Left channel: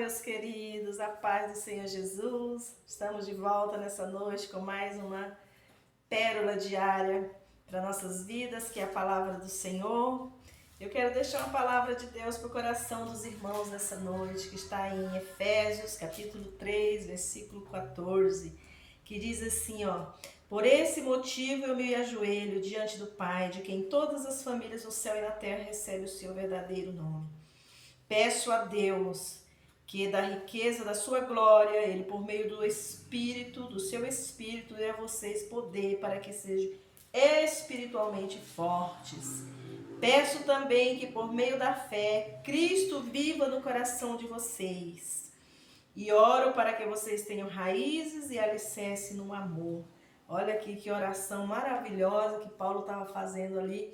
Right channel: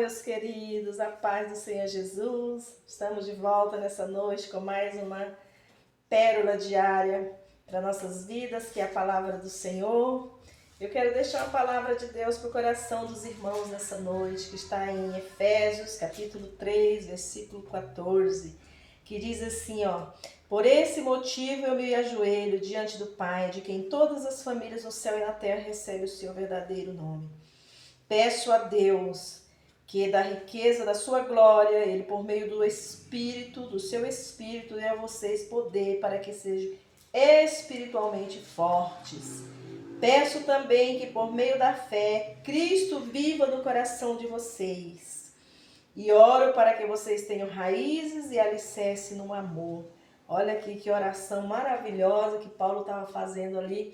meus queridos, a paz do Senhor Jesus. Estamos de volta nessa noite com mais uma pérola diária para nossas vidas, que é a palavra do Senhor. Eu quero deixar uma palavra de Deus para o coração dos irmãos nessa noite, que está em Efésios, capítulo 3, versículo 14, que diz assim, por esse motivo eu me ajoelho diante do Pai, de quem todas as famílias no céu e na terra recebem o seu verdadeiro nome. Peço a Deus que da riqueza da sua glória, Ele por meio do Espírito, do seu Espírito, dê a vocês poder para que sejam espiritualmente fortes. Peço também que por meio da fé, Cristo viva no coração de vocês. E oro para que vocês tenham raízes e alicerce no amor. Olha aqui que oração maravilhosa que Paulo estava fazendo ali.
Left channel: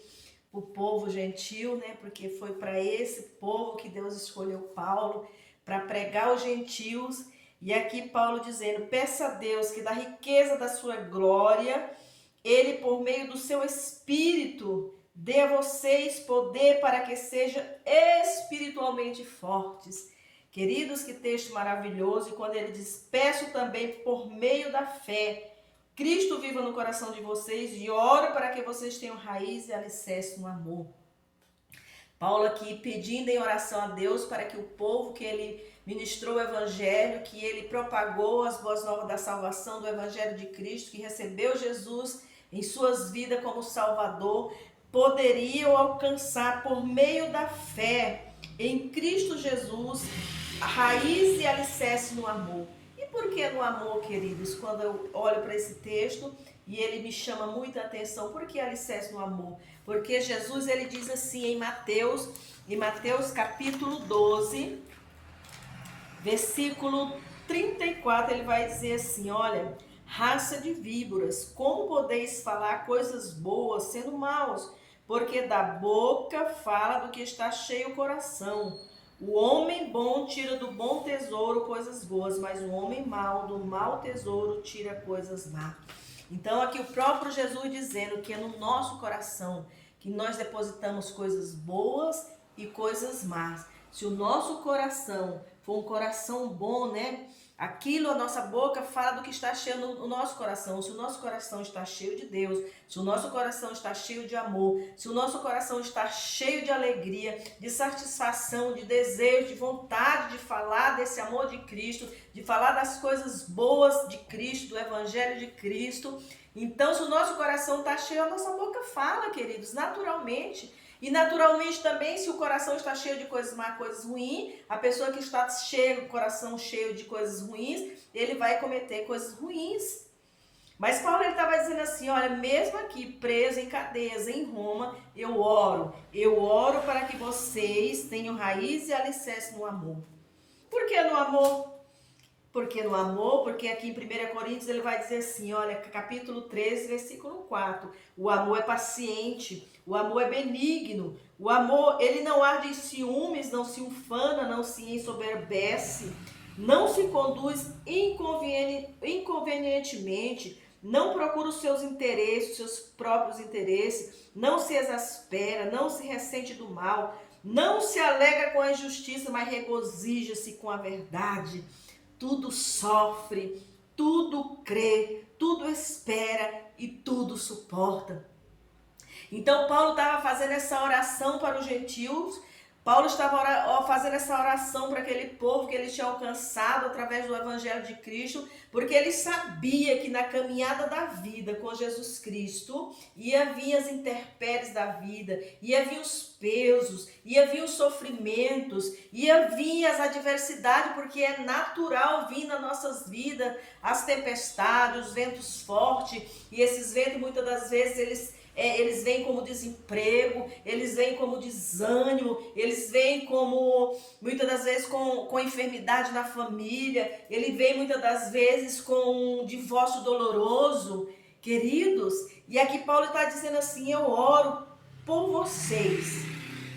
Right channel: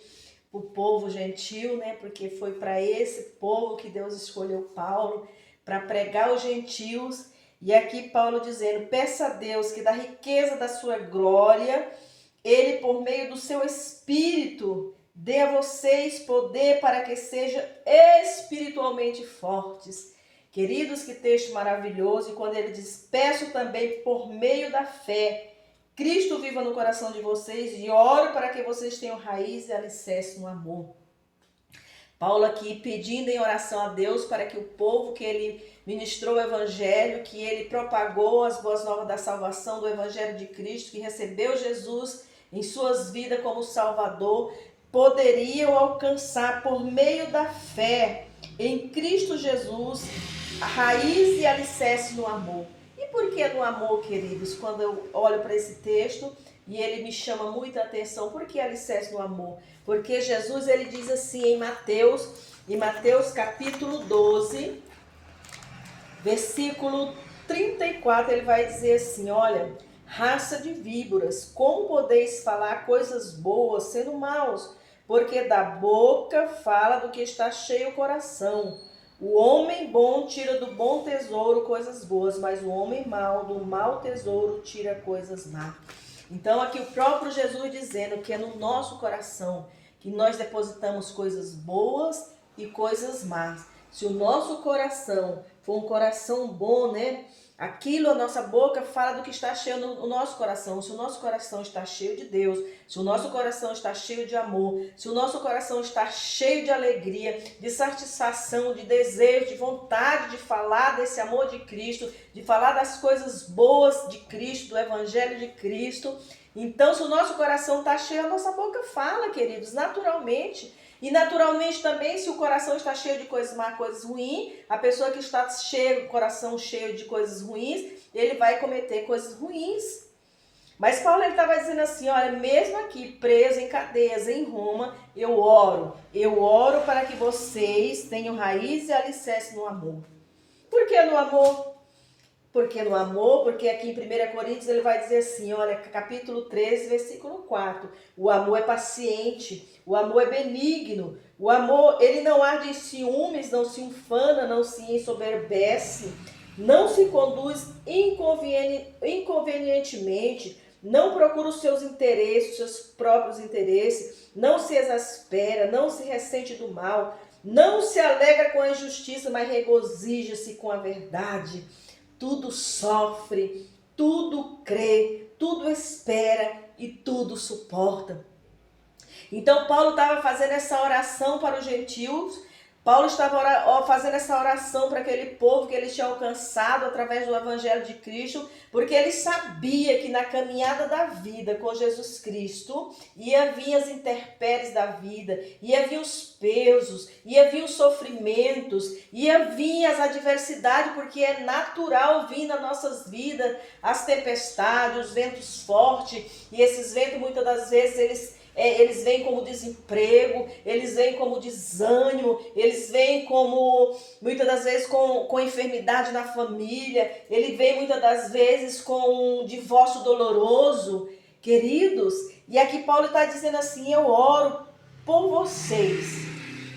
O povo gentil, né? Porque foi para esse povo que Deus escolheu Paulo para pregar os gentios. E aqui Paulo dizendo, peça a Deus que da riqueza da sua glória, Ele por meio do seu Espírito dê a vocês poder para que sejam espiritualmente fortes. Queridos, que texto maravilhoso. E quando ele diz, peço também por meio da fé, Cristo viva no coração de vocês e oro para que vocês tenham raiz e alicerce no amor. Paulo aqui pedindo em oração a Deus para que o povo que ele ministrou o evangelho, que ele propagou as boas novas da salvação do evangelho de Cristo, que recebeu Jesus em suas vidas como Salvador, poderiam alcançar por meio da fé em Cristo Jesus a raiz e alicerce no amor. E por que no amor, queridos? Quando eu olho para esse texto e ele me chama muita atenção, por que alicerce no amor? Porque Jesus, ele diz assim em Mateus capítulo 12, versículo 34, ele vai dizer assim, olha, raça de víboras, como podeis falar coisas boas sendo maus? Porque da boca fala do que está cheio o coração. O homem bom tira do bom tesouro coisas boas, mas o homem mau do mau tesouro tira coisas más. Então aqui o próprio Jesus dizendo que é no nosso coração que nós depositamos coisas boas e coisas más. Se o nosso coração for um coração bom, né? Aquilo, a nossa boca fala do que está cheio no nosso coração. Se o nosso coração está cheio de Deus, se o nosso coração está cheio de amor, se o nosso coração está cheio de alegria, de satisfação, de desejo, de vontade de falar desse amor de Cristo, de falar das coisas boas de Cristo, do Evangelho de Cristo. Então, se o nosso coração está cheio, a nossa boca fala, queridos, naturalmente. E naturalmente também, se o coração está cheio de coisas más, coisas ruins, a pessoa que está cheio, o coração cheio de coisas ruins, ele vai cometer coisas ruins. Mas Paulo estava dizendo assim, olha, mesmo aqui preso em cadeias em Roma, eu oro para que vocês tenham raiz e alicerce no amor. Por que no amor? Porque no amor, porque aqui em 1 Coríntios ele vai dizer assim, olha, capítulo 13, versículo 4, o amor é paciente, o amor é benigno, o amor, ele não arde em ciúmes, não se ufana, não se ensoberbece, não se conduz inconvenientemente, não procura os seus interesses, os seus próprios interesses, não se exaspera, não se ressente do mal, não se alegra com a injustiça, mas regozija-se com a verdade. Tudo sofre, tudo crê, tudo espera e tudo suporta. Então Paulo estava fazendo essa oração para os gentios, Paulo estava fazendo essa oração para aquele povo que ele tinha alcançado através do Evangelho de Cristo, porque ele sabia que na caminhada da vida com Jesus Cristo, ia vir as intempéries da vida, ia vir os pesos, ia vir os sofrimentos, ia vir as adversidades, porque é natural vir nas nossas vidas as tempestades, os ventos fortes, e esses ventos muitas das vezes eles vêm como desemprego, eles vêm como desânimo, eles vêm como, muitas das vezes, com enfermidade na família, ele vem muitas das vezes com um divórcio doloroso, queridos. E aqui Paulo está dizendo assim, eu oro por vocês,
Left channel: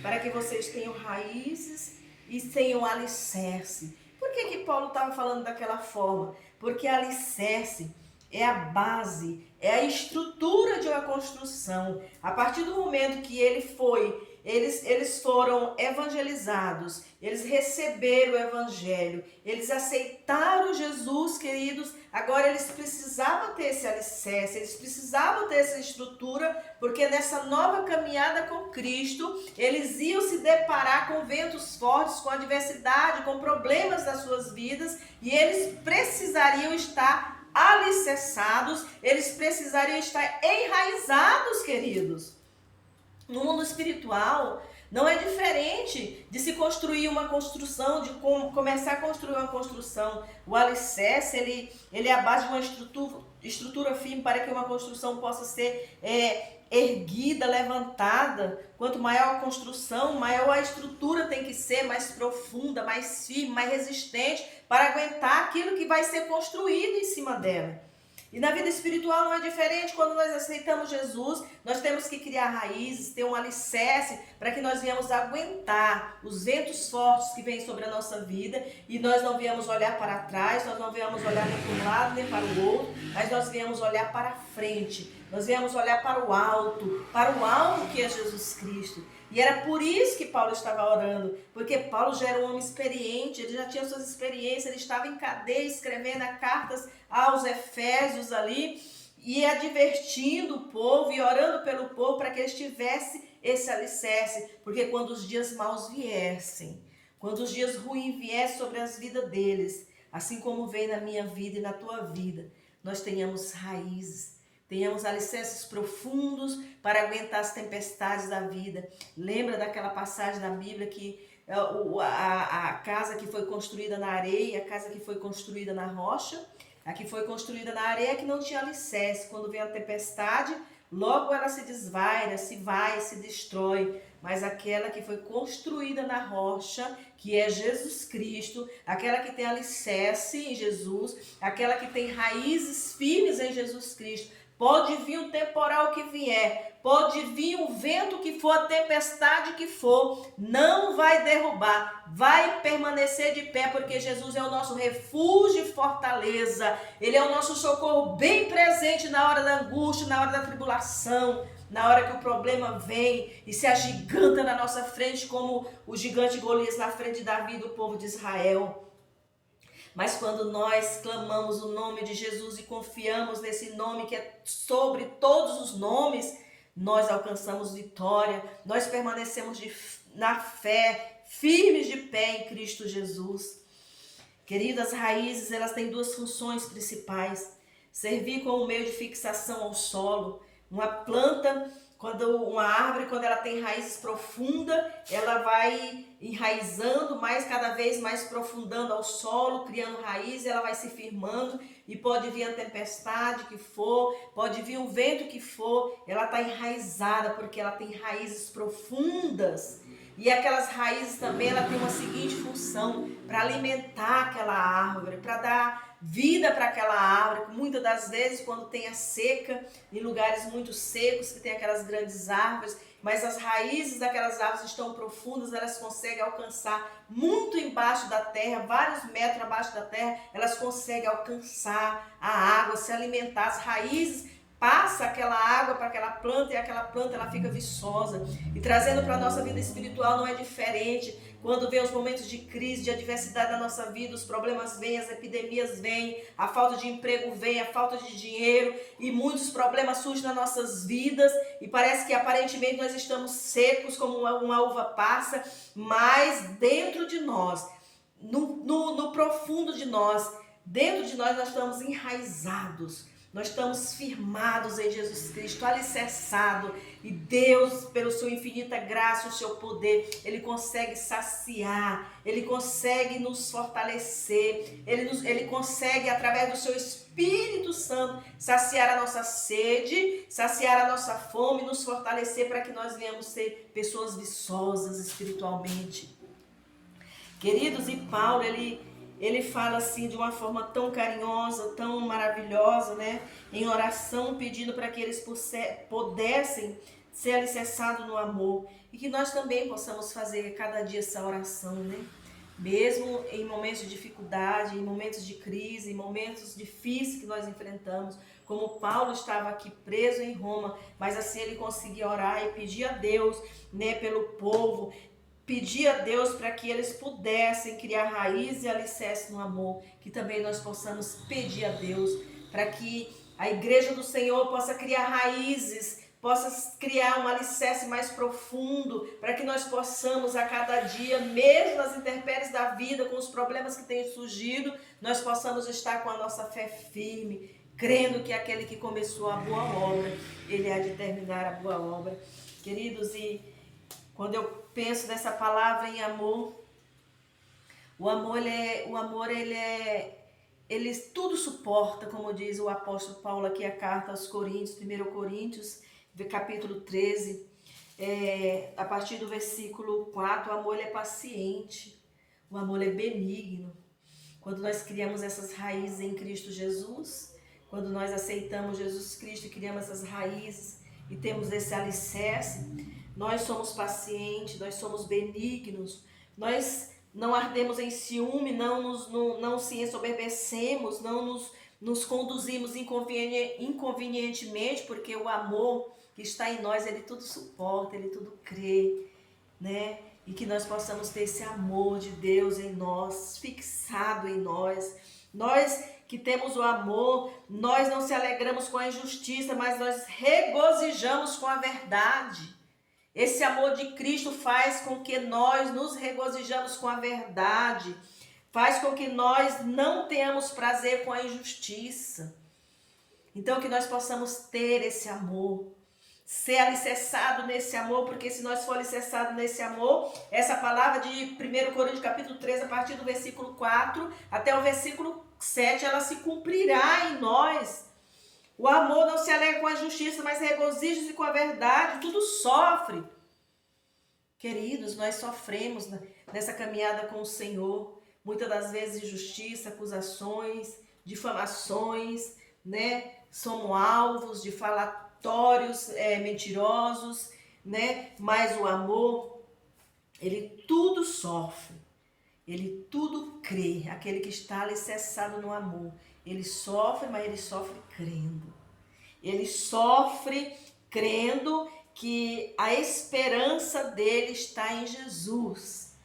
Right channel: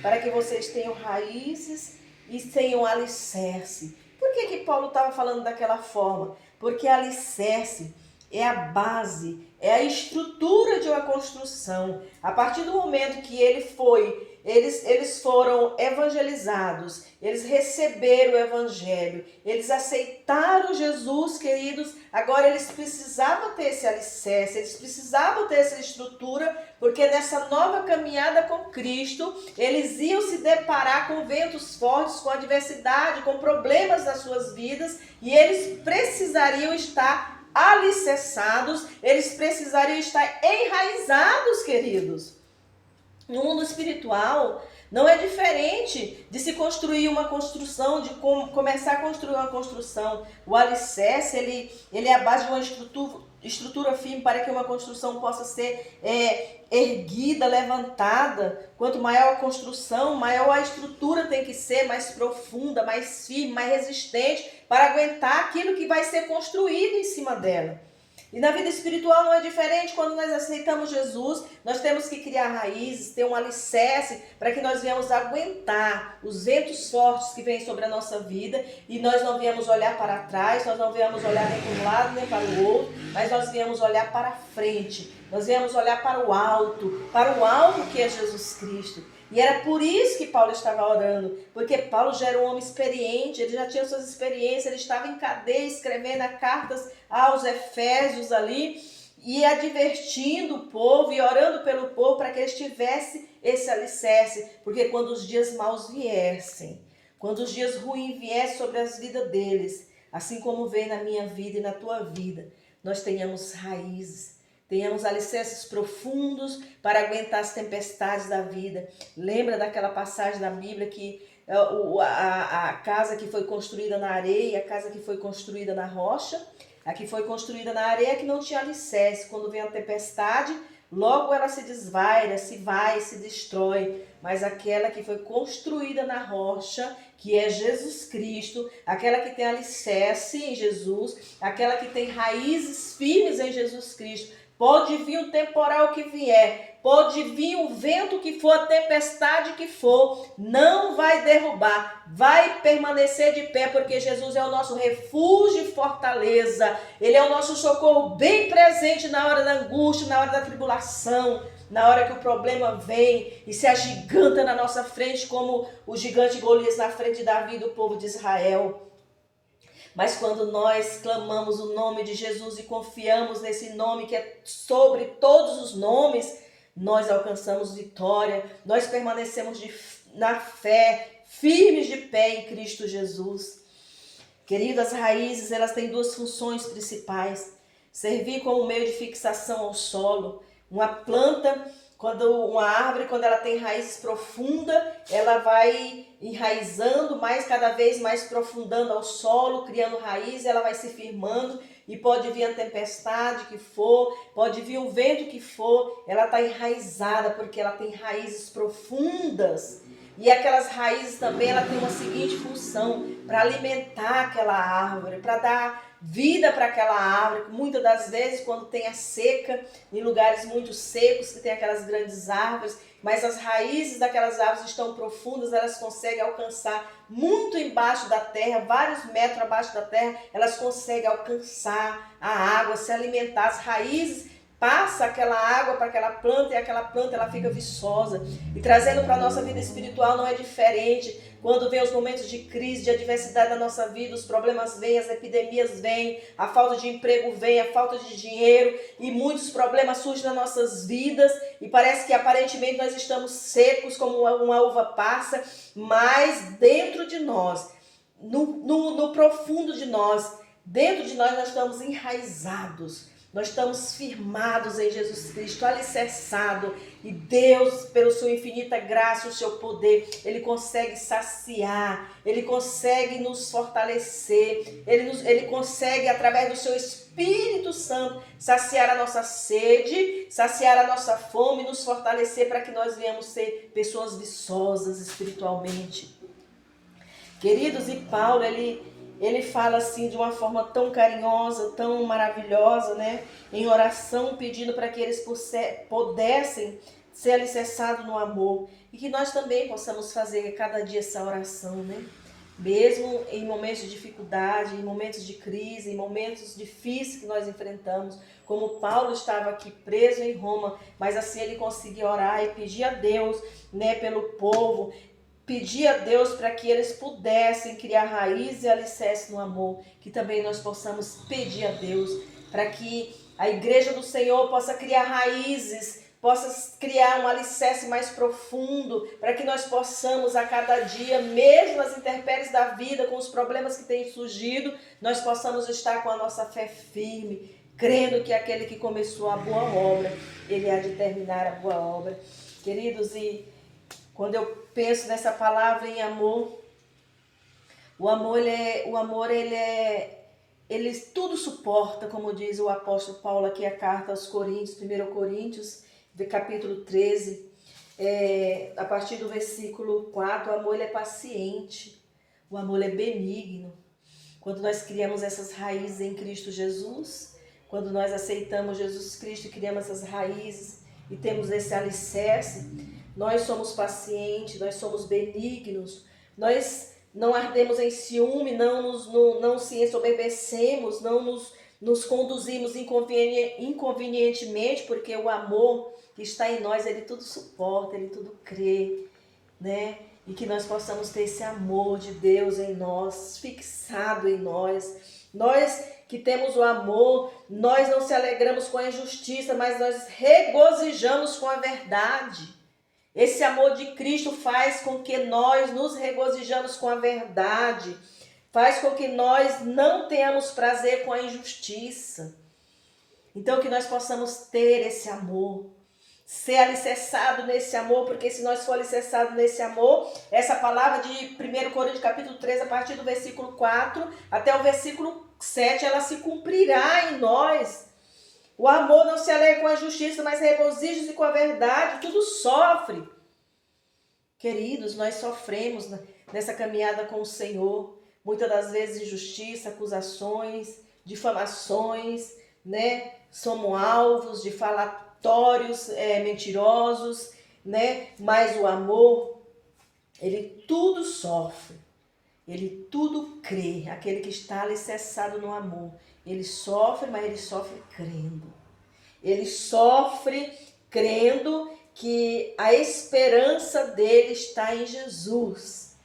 para que vocês tenham raízes e tenham alicerce. Por que Paulo estava falando daquela forma? Porque alicerce é a base, é a estrutura de uma construção. A partir do momento que ele foi eles foram evangelizados, eles receberam o evangelho, eles aceitaram Jesus, queridos. Agora eles precisavam ter esse alicerce, eles precisavam ter essa estrutura, porque nessa nova caminhada com Cristo, eles iam se deparar com ventos fortes, com adversidade, com problemas nas suas vidas, e eles precisariam estar alicerçados, eles precisariam estar enraizados, queridos. No mundo espiritual, não é diferente de se construir uma construção, de começar a construir uma construção. O alicerce, ele é a base de uma estrutura firme para que uma construção possa ser erguida, levantada. Quanto maior a construção, maior a estrutura tem que ser, mais profunda, mais firme, mais resistente, para aguentar aquilo que vai ser construído em cima dela. E na vida espiritual não é diferente. Quando nós aceitamos Jesus, nós temos que criar raízes, ter um alicerce para que nós venhamos aguentar os ventos fortes que vêm sobre a nossa vida, e nós não viemos olhar para trás, nós não viemos olhar nem para um lado nem para o outro, mas nós viemos olhar para frente, nós viemos olhar para o alto que é Jesus Cristo. E era por isso que Paulo estava orando, porque Paulo já era um homem experiente, ele já tinha suas experiências, ele estava em cadeia escrevendo cartas aos Efésios ali, e advertindo o povo e orando pelo povo para que eles tivessem esse alicerce, porque quando os dias maus viessem, quando os dias ruins viessem sobre as vidas deles, assim como vem na minha vida e na tua vida, nós tenhamos raízes, tenhamos alicerces profundos para aguentar as tempestades da vida. Lembra daquela passagem da Bíblia que a casa que foi construída na areia e a casa que foi construída na rocha? A que foi construída na areia que não tinha alicerce. Quando vem a tempestade, logo ela se desvaira, se destrói. Mas aquela que foi construída na rocha, que é Jesus Cristo, aquela que tem alicerce em Jesus, aquela que tem raízes firmes em Jesus Cristo, pode vir o temporal que vier, pode vir o vento que for, a tempestade que for, não vai derrubar, vai permanecer de pé, porque Jesus é o nosso refúgio e fortaleza. Ele é o nosso socorro bem presente na hora da angústia, na hora da tribulação, na hora que o problema vem e se agiganta na nossa frente, como o gigante Golias na frente de Davi e do povo de Israel. Mas quando nós clamamos o nome de Jesus e confiamos nesse nome que é sobre todos os nomes, nós alcançamos vitória, nós permanecemos na fé, firmes de pé em Cristo Jesus. Querido, as raízes, elas têm duas funções principais: servir como meio de fixação ao solo. Uma planta, uma árvore, quando ela tem raízes profundas, ela vai enraizando cada vez mais profundando ao solo, criando raiz, ela vai se firmando, e pode vir a tempestade que for, pode vir o vento que for, ela está enraizada porque ela tem raízes profundas. E aquelas raízes também, ela tem uma seguinte função: para alimentar aquela árvore, para dar vida para aquela árvore. Muitas das vezes, quando tem a seca, em lugares muito secos, que tem aquelas grandes árvores, mas as raízes daquelas árvores estão profundas, elas conseguem alcançar muito embaixo da terra, vários metros abaixo da terra, elas conseguem alcançar a água, se alimentar. As raízes passa aquela água para aquela planta, e aquela planta ela fica viçosa. E trazendo para a nossa vida espiritual não é diferente. Quando vem os momentos de crise, de adversidade na nossa vida, os problemas vêm, as epidemias vêm, a falta de emprego vem, a falta de dinheiro, e muitos problemas surgem nas nossas vidas, e parece que aparentemente nós estamos secos como uma uva passa, mas dentro de nós, no profundo de nós, dentro de nós estamos enraizados. Nós estamos firmados em Jesus Cristo, alicerçado, e Deus, pela sua infinita graça, o seu poder, Ele consegue saciar, Ele consegue nos fortalecer, Ele consegue, através do seu Espírito Santo, saciar a nossa sede, saciar a nossa fome, nos fortalecer para que nós venhamos ser pessoas viçosas espiritualmente. Queridos, e Paulo, ele fala assim de uma forma tão carinhosa, tão maravilhosa, né? Em oração, pedindo para que eles pudessem ser alicerçados no amor. E que nós também possamos fazer cada dia essa oração, né? mesmo em momentos de dificuldade, em momentos de crise, em momentos difíceis que nós enfrentamos, como Paulo estava aqui preso em Roma, mas assim ele conseguia orar e pedir a Deus, né, pelo povo, pedir a Deus para que eles pudessem criar raiz e alicerce no amor, que também nós possamos pedir a Deus para que a igreja do Senhor possa criar raízes, possa criar um alicerce mais profundo, para que nós possamos a cada dia, mesmo nas intempéries da vida, com os problemas que têm surgido, nós possamos estar com a nossa fé firme, crendo que aquele que começou a boa obra, ele há de terminar a boa obra. Queridos, e quando eu penso nessa palavra em amor, ele tudo suporta, como diz o apóstolo Paulo aqui, a carta aos Coríntios, 1 Coríntios, capítulo 13, a partir do versículo 4, o amor ele é paciente, o amor é benigno. Quando nós criamos essas raízes em Cristo Jesus, quando nós aceitamos Jesus Cristo e criamos essas raízes e temos esse alicerce, nós somos pacientes, nós somos benignos, nós não ardemos em ciúme, não se ensoberbecemos, não nos conduzimos inconvenientemente, porque o amor que está em nós, ele tudo suporta, ele tudo crê, né? E que nós possamos ter esse amor de Deus em nós, fixado em nós. Nós que temos o amor, nós não se alegramos com a injustiça, mas nós regozijamos com a verdade. Esse amor de Cristo faz com que nós nos regozijamos com a verdade, faz com que nós não tenhamos prazer com a injustiça. Então que nós possamos ter esse amor, ser alicerçado nesse amor, porque se nós for alicerçado nesse amor, essa palavra de 1 Coríntios capítulo 3, a partir do versículo 4 até o versículo 7, ela se cumprirá em nós. O amor não se alegra com a justiça, mas regozija-se com a verdade, tudo sofre. Queridos, nós sofremos nessa caminhada com o Senhor, muitas das vezes injustiça, acusações, difamações, né? Somos alvos de falatórios mentirosos, né? Mas o amor, ele tudo sofre, ele tudo crê. Aquele que está alicerçado no amor, ele sofre, mas ele sofre crendo. Ele sofre crendo que a esperança dele está em Jesus,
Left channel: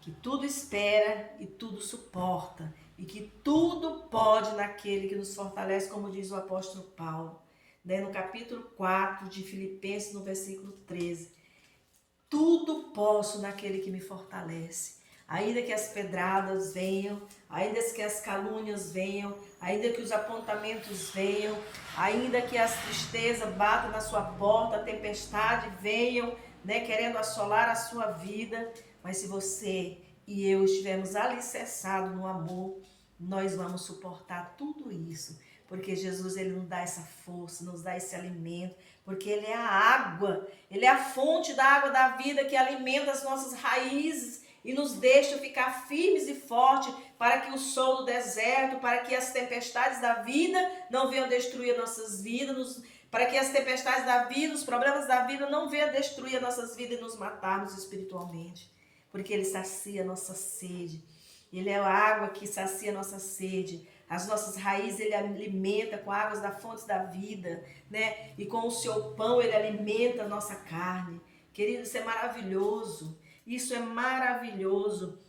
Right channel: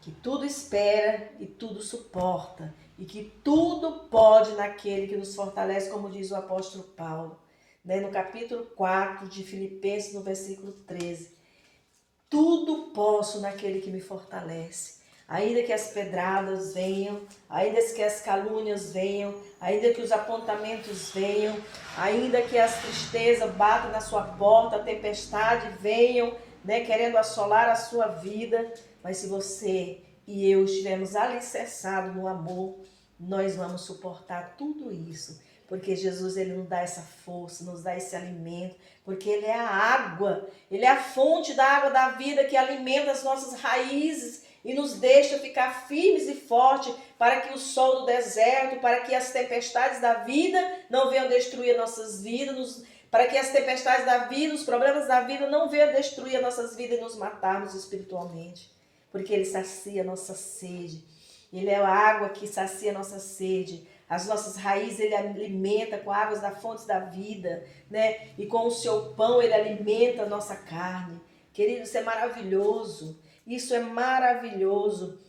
que tudo espera e tudo suporta, e que tudo pode naquele que nos fortalece, como diz o apóstolo Paulo, né? No capítulo 4 de Filipenses, no versículo 13. Tudo posso naquele que me fortalece. Ainda que as pedradas venham, ainda que as calúnias venham, ainda que os apontamentos venham, ainda que as tristezas batam na sua porta, a tempestade venham, né, querendo assolar a sua vida, mas se você e eu estivermos alicerçados no amor, nós vamos suportar tudo isso, porque Jesus ele nos dá essa força, nos dá esse alimento, porque ele é a água, ele é a fonte da água da vida que alimenta as nossas raízes, e nos deixa ficar firmes e fortes para que o sol do deserto, para que as tempestades da vida não venham destruir nossas vidas, para que as tempestades da vida, os problemas da vida não venham destruir as nossas vidas e nos matarmos espiritualmente, porque ele sacia a nossa sede, ele é a água que sacia a nossa sede, as nossas raízes ele alimenta com águas da fonte da vida, né? E com o seu pão ele alimenta a nossa carne. Querido, isso é maravilhoso. Isso é maravilhoso,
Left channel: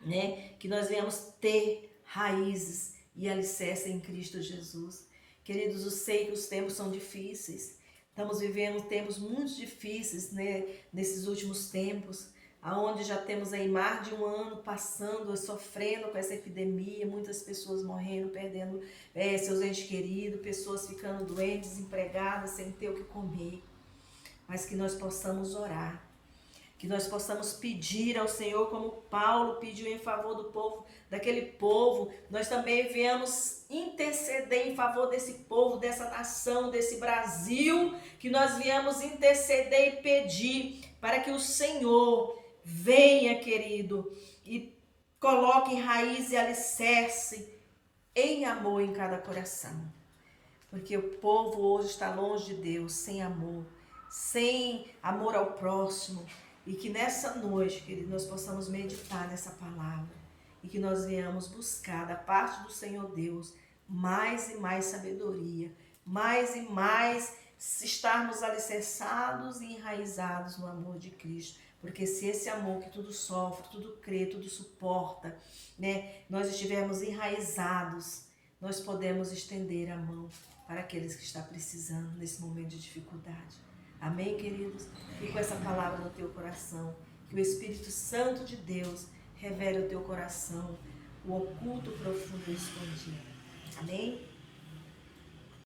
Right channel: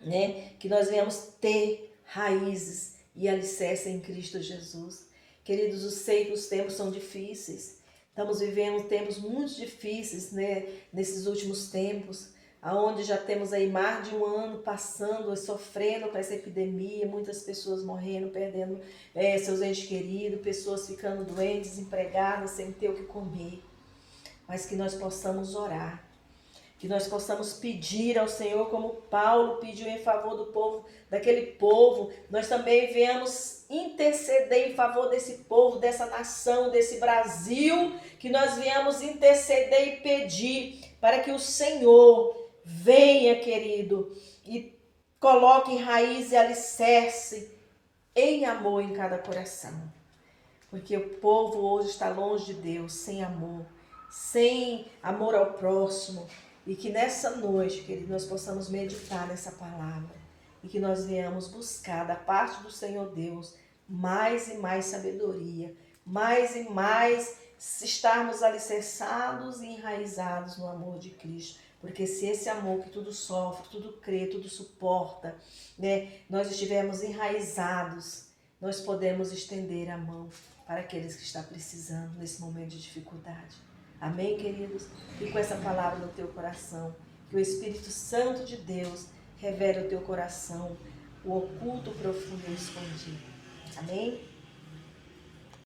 né? Que nós venhamos ter raízes e alicerce em Cristo Jesus. Queridos, eu sei que os tempos são difíceis. Estamos vivendo tempos muito difíceis, né? Nesses últimos tempos, aonde já temos aí mais de um ano passando, sofrendo com essa epidemia, muitas pessoas morrendo, perdendo seus entes queridos, pessoas ficando doentes, desempregadas, sem ter o que comer. Mas que nós possamos orar. Que nós possamos pedir ao Senhor, como Paulo pediu em favor do povo, daquele povo. Nós também viemos interceder em favor desse povo, dessa nação, desse Brasil. Que nós viemos interceder e pedir para que o Senhor venha, querido, e coloque raiz e alicerce em amor em cada coração. Porque o povo hoje está longe de Deus, sem amor ao próximo. E que nessa noite, querido, nós possamos meditar nessa palavra e que nós venhamos buscar da parte do Senhor Deus mais e mais sabedoria, mais e mais estarmos alicerçados e enraizados no amor de Cristo. Porque se esse amor que tudo sofre, tudo crê, tudo suporta, né, nós estivermos enraizados, nós podemos estender a mão para aqueles que estão precisando nesse momento de dificuldade. Amém, queridos? E com essa palavra no teu coração, que o Espírito Santo de Deus revele ao teu coração o oculto, profundo e escondido. Amém?